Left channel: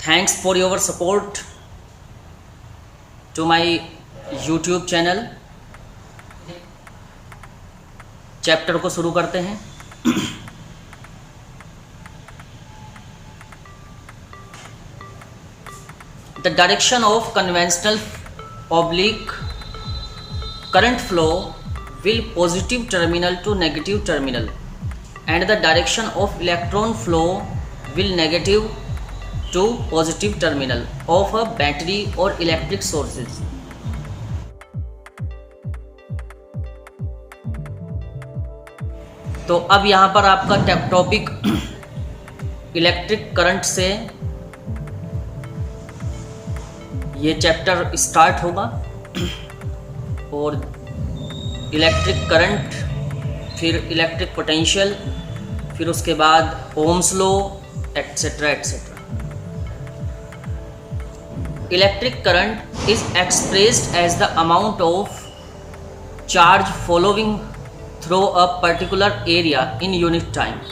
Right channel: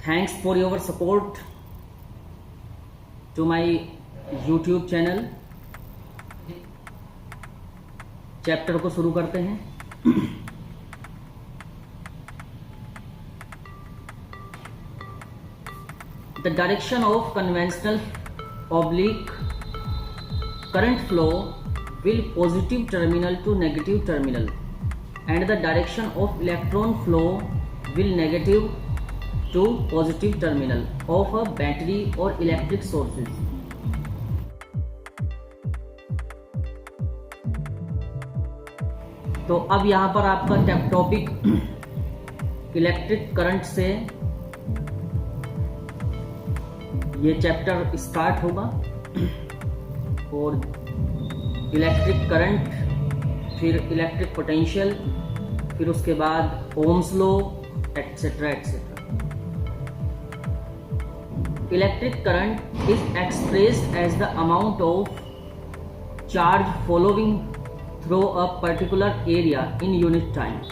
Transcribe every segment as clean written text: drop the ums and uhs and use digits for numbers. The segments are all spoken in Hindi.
Thanks for your support to my YouTube channel. Chapter को शुरू करते हैं। The direction of conventional oblique current flow will positive terminal to negative terminal, and the direction of electron flow will negative to positive terminal of a battery or electric sources. तो अब यहाँ पर आपका टॉपिक इलेक्ट्रिक करंट से ये चैप्टर स्टार्ट होगा और इलेक्ट्रिक करंट, फिर इलेक्ट्रिक पोटेंशियल, फिर उसके बाद Ohm's law, etcetera etcetera. Electric current is expressed as the amount of charge following through a particular area in unit time.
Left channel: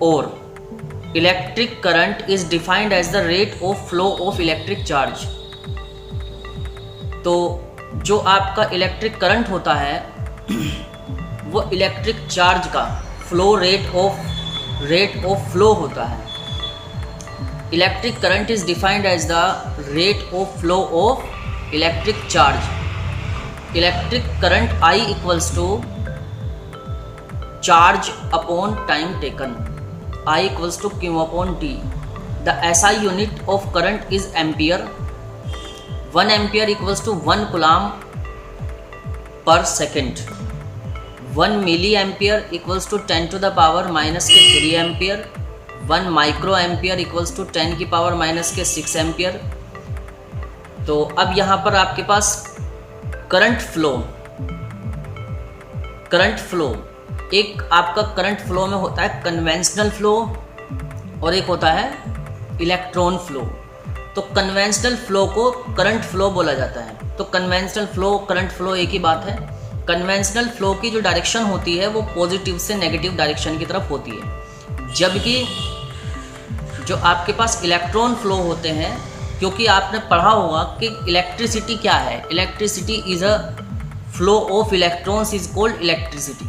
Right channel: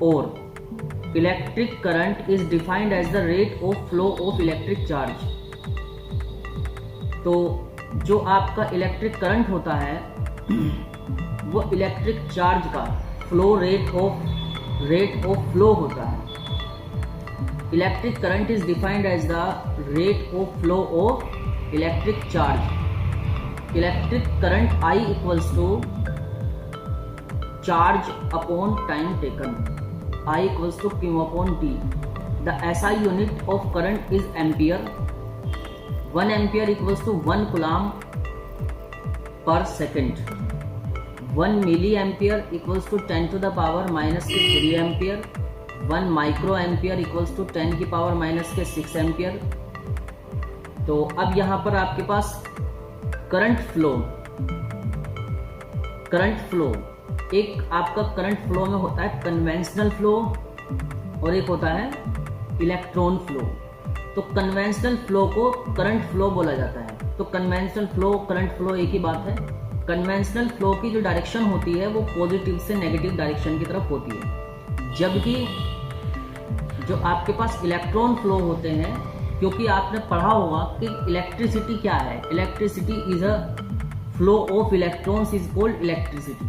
Or electric current is defined as the rate of flow of electric charge. तो जो आपका इलेक्ट्रिक करंट होता है वो इलेक्ट्रिक चार्ज का फ्लो रेट ऑफ फ्लो होता है। Electric current is defined as the rate of flow of electric charge. Electric current I equals to charge upon time taken. I equals to Q upon T. The SI unit of current is ampere. 1 ampere equals to 1 coulomb per second. 1 milliampere equals to 10 to the power minus के 3 ampere. 1 micro ampere equals to 10 की पावर माइनस के 6 एम्पियर। तो अब यहाँ पर आपके पास करंट फ्लो एक आपका करंट फ्लो में होता है कन्वेंशनल फ्लो और एक होता है इलेक्ट्रॉन फ्लो। तो कन्वेंशनल फ्लो को करंट फ्लो बोला जाता है। तो कन्वेंशनल फ्लो करंट फ्लो एक ही बात है। कन्वेंशनल फ्लो की जो डायरेक्शन होती है वो पॉजिटिव से नेगेटिव डायरेक्शन की तरफ होती है, जबकि जो आपके पास इलेक्ट्रॉन फ्लो होते हैं, क्योंकि आपने पढ़ा होगा कि इलेक्ट्रिसिटी क्या है। Electricity is a flow of electrons is called electricity.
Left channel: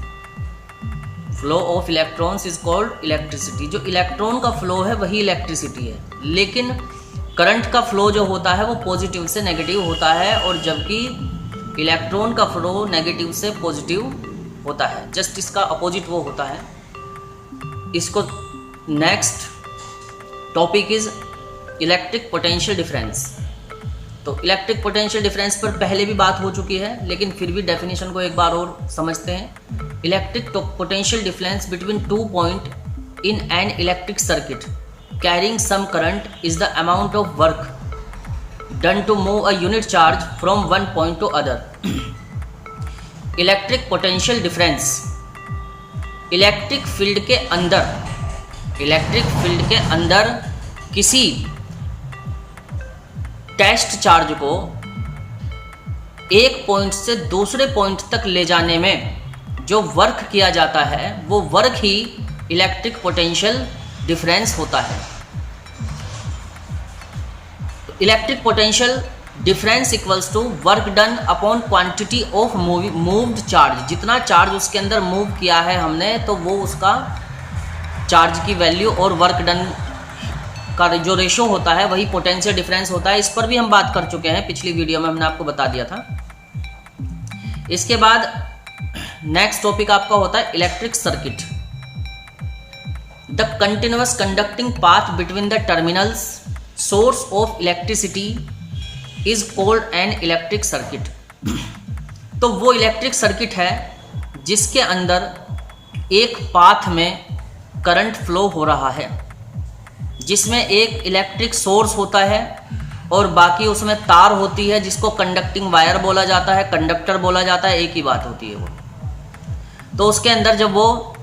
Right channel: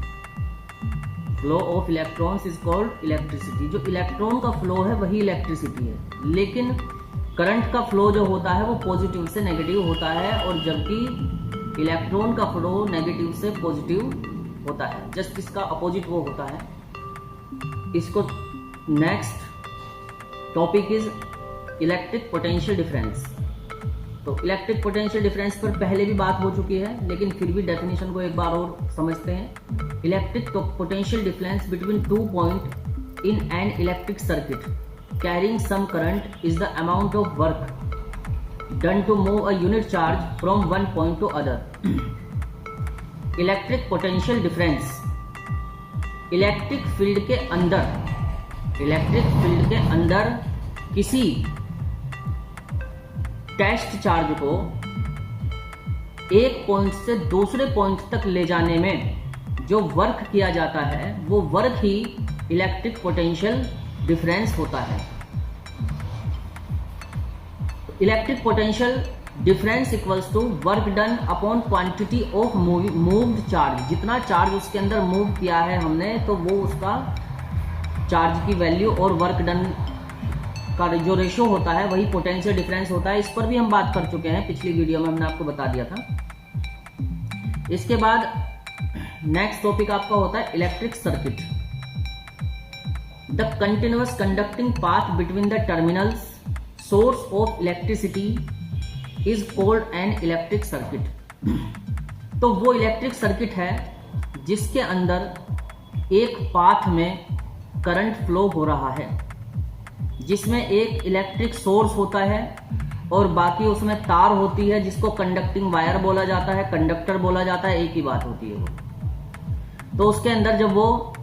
Flow of electrons is called electricity. जो इलेक्ट्रॉन का फ्लो है वही इलेक्ट्रिसिटी है, लेकिन करंट का फ्लो जो होता है वो पॉजिटिव से नेगेटिव होता है, और जबकि इलेक्ट्रॉन का फ्लो नेगेटिव से पॉजिटिव होता है। जस्ट इसका अपोजिट वो होता है। इसको next topic is electric potential difference. तो इलेक्ट्रिक पोटेंशियल डिफरेंस पर पहले भी बात हो चुकी है, लेकिन फिर भी डेफिनेशन को एक बार और समझते हैं। Electric potential difference between 2 point in an electric circuit carrying some current is the amount of work done to move a unit charge from one point to other. Electric potential difference electric field के अंदर किसी टेस्ट चार्ज को एक पॉइंट से दूसरे पॉइंट तक ले जाने में जो वर्क किया जाता है वो वर्क ही इलेक्ट्रिक पोटेंशियल डिफरेंस होता है। Electric potential difference equals to work done upon quantity of moved charge. जितना चार्ज उसके अंदर मूव किया है हमने, तो वो उसका चार्ज की वैल्यू और वर्क डन का जो रेशो होता है वही पोटेंशियल डिफरेंस होता है। इस पर भी हम बात कर चुके हैं, पिछली वीडियो में हमने आपको बता दिया था। इसके बाद नेक्स्ट टॉपिक आपका होता है electric circuit. The continuous conducting path between the terminals source of electricity is called an electric circuit. तो वो इलेक्ट्रिक सर्किट है जिसके अंदर एक पाथ में करंट फ्लो हो रहा है, जिसमें एक इलेक्ट्रिक सोर्स होता है और बाकी उसमें तार होती है जिसको कंडक्टिंग वायर बोला जाता है, कंडक्टर बोला जाता है, एक ही बात होती है वो। तो उसके अंदर जब वो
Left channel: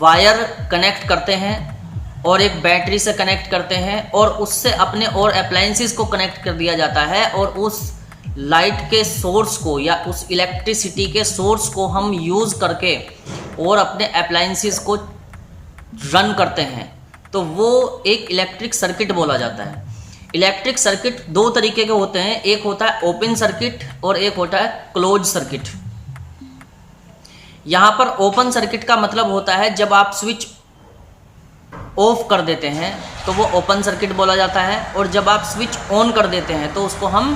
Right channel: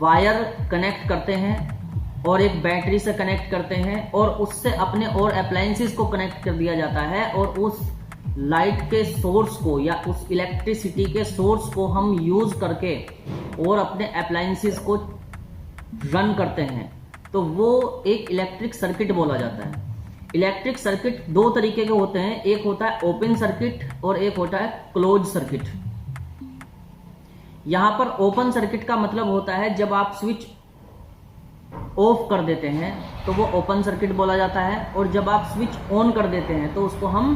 वायर कनेक्ट करते हैं और एक बैटरी से कनेक्ट करते हैं और उससे अपने और अप्लायंसेस को कनेक्ट कर दिया जाता है, और उस लाइट के सोर्स को या उस इलेक्ट्रिसिटी के सोर्स को हम यूज़ करके और अपने अप्लायंसेस को रन करते हैं। तो वो एक इलेक्ट्रिक सर्किट बोला जाता है। इलेक्ट्रिक सर्किट दो तरीके के होते हैं, एक होता है ओपन सर्किट और एक होता है क्लोज सर्किट। यहाँ पर ओपन सर्किट का मतलब होता है जब आप स्विच ऑफ कर देते हैं तो वो ओपन सर्किट बोला जाता है, और जब आप स्विच ऑन कर देते हैं तो उसको हम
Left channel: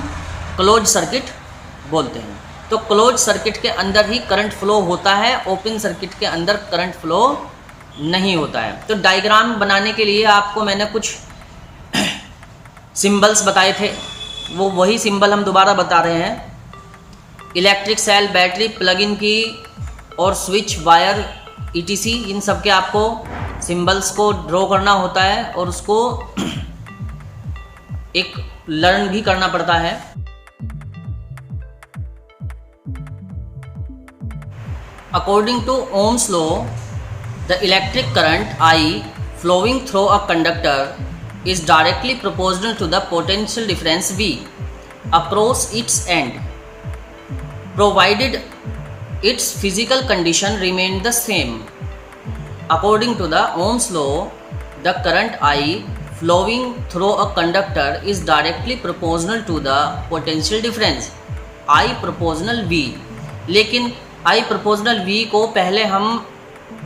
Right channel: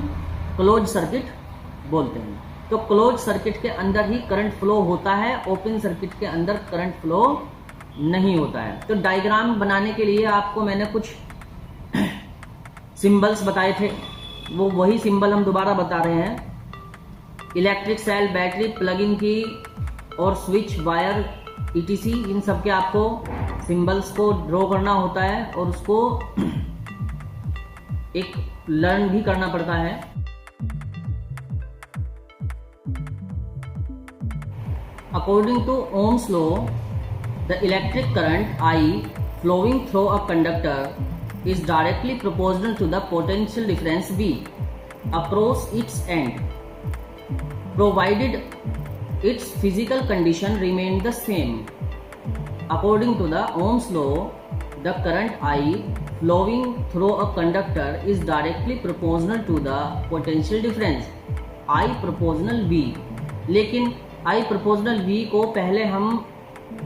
क्लोज सर्किट बोलते हैं। तो क्लोज सर्किट के अंदर ही करंट फ्लो होता है, ओपन सर्किट के अंदर करंट फ्लो नहीं होता है। तो डायग्राम बनाने के लिए आपको मैंने कुछ सिंबल्स बताए थे, वो वही सिंबल हम दोबारा बता रहे हैं। Electric cell, battery, plug in key और स्विच, वायर, ईटीसी, इन सब के आपको सिंबल्स को ड्रॉ करना होता है और उसको एक लर्न भी करना पड़ता है। According to Ohm's law, the electric current I flowing through a conductor is directly proportional to the potential difference V across its end, provided its physical condition remain the same. According to the Ohm's law, the current I flowing through a conductor is directly proportional to the potential difference I proportional V. लेकिन I proportional V को पहले हम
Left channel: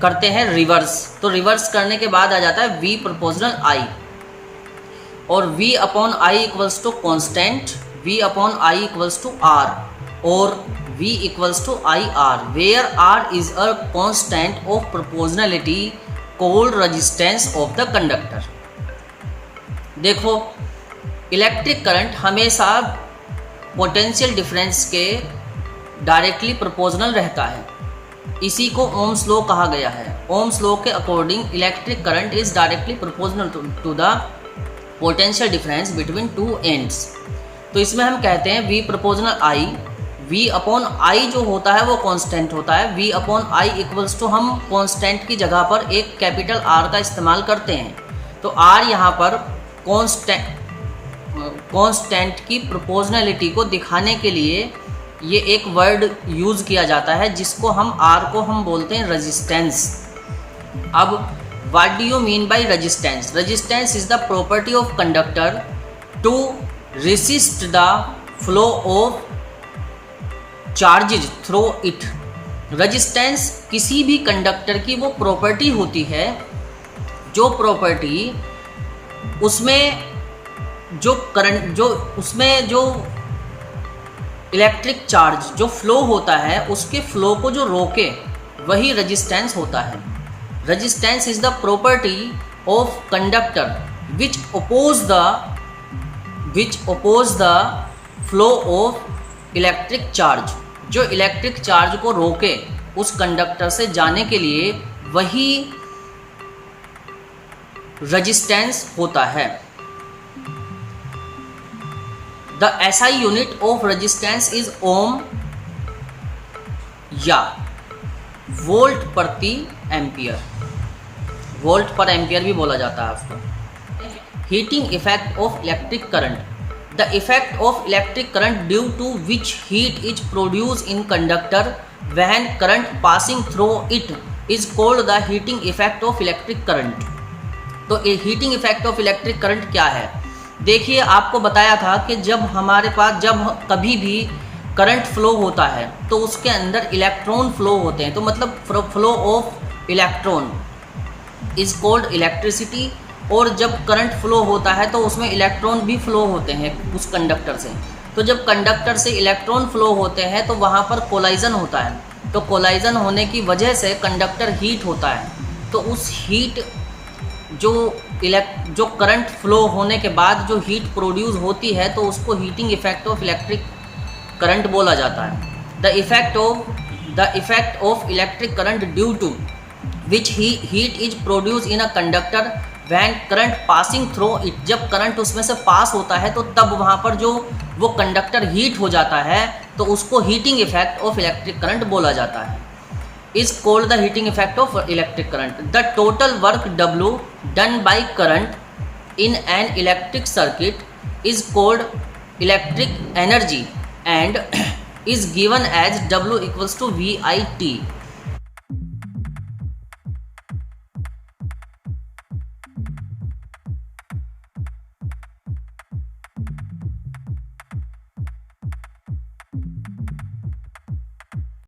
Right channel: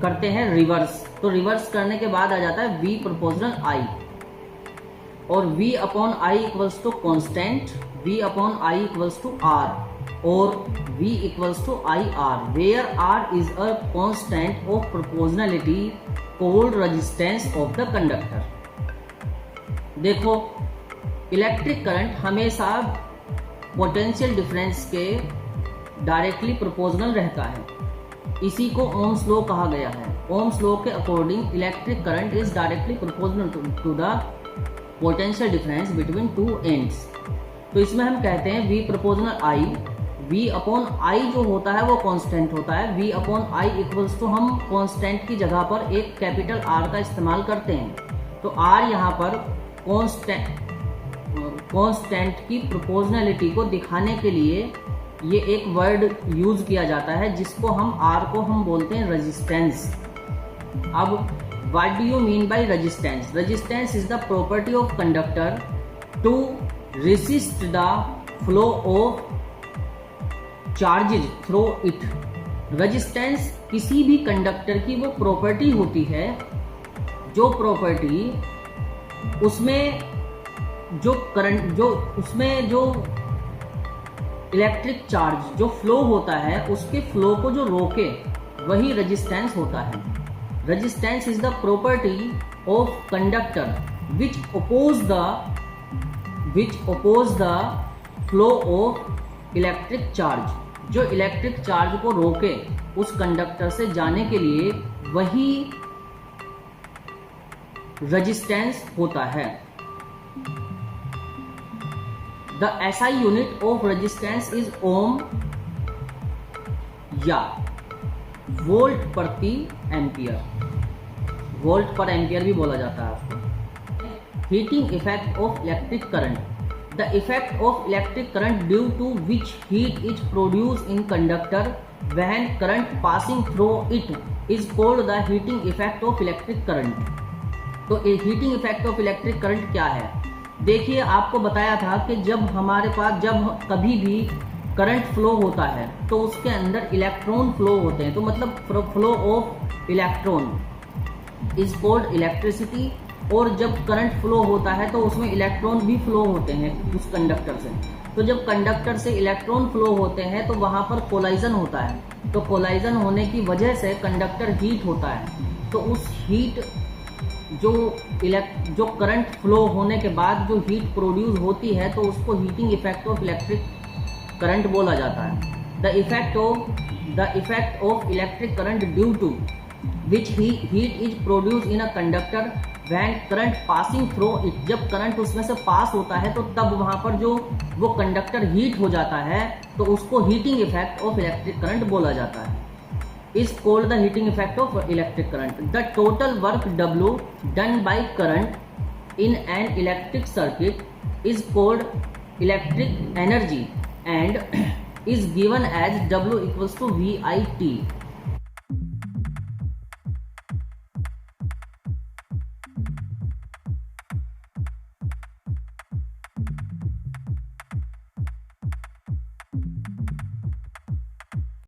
करते हैं रिवर्स, तो रिवर्स करने के बाद आ जाता है V proportional I, और V upon I equals to constant, V upon I equals to R, और V equals to IR, where R is a constant of proportionality called resistance of the conductor. देखो, इलेक्ट्रिक करंट हमेशा पोटेंशियल डिफरेंस के डायरेक्टली प्रोपोर्शनल रहता है, इसी को ओम्स लॉ कहा गया है। ओम्स लॉ के according electric current is directly proportional to the potential difference between two ends. तो इसमें हम कहते हैं V proportional I, V upon I जो होता है वो कांस्टेंट होता है। V upon I equals to हम कांस्टेंट की जगह पर एक कैपिटल R का इस्तेमाल करते हैं। तो R यहाँ पर कांस्टेंट की प्रोपोर्शनलिटी को दिखाने के लिए ये एक वर्ड यूज़ किया जाता है, जिसको हम R को हम बोलते हैं रेजिस्टेंस। अब what do you mean by resistance? Resistance is the property of conductor to resist the flow of charges through it. Resistance किसी भी कंडक्टर की वो प्रॉपर्टी होती है, जो प्रॉपर्टी उसमें जो करंट, जो उसमें जो इलेक्ट्रिक चार्ज जो फ्लो होता है उसके फ्लो को जो रोके, वही रेजिस्टेंस होता है। Resistance is the property of conductor which oppose the flow of electric charge, जो इलेक्ट्रिक चार्ज को रोके उस कंडक्टर से जाने के लिए, वही रेजिस्टेंस होता है। The SI unit of resistance is ohm या वोल्ट प्रति एम्पियर, वोल्ट पर एम्पियर भी बोला जाता है उसको। Heating effect of electric current, the effect of electric current due to which heat is produce in conductor when current passing through it is called the heating effect of electric current. तो heating effect of electric current क्या है? देखिए, आपको बताया था कि जब हमारे पास जब कभी भी करंट फ्लो होता है तो उसके अंदर इलेक्ट्रॉन फ्लो होते हैं, तो मतलब flow of electron is called electricity. और जब करंट फ्लो होता है तो उसमें इलेक्ट्रॉन भी फ्लो होते हैं उस कंडक्टर से। तो जब कंडक्टर से इलेक्ट्रॉन फ्लो होते हैं तो वहाँ पर कोलाइजन होता है, तो कोलाइजन होने की वजह से कंडक्टर हीट होता है। तो उस हीट जो करंट फ्लो होने के बाद जो हीट प्रोड्यूस होती है, तो उसको heating effect of electric current बोला जाता है। The effect of electric current due to which heat is produce in a conductor when current passing through it, जब करंट उसमें से पास होता है तो तब वहाँ पर जो वो कंडक्टर हीट हो जाता है, तो उसको heating effect of electric current बोला जाता है। Is called the heating effect of electric current. The total work W done by current in an electric circuit is called electric energy and is given as W equals to VIT.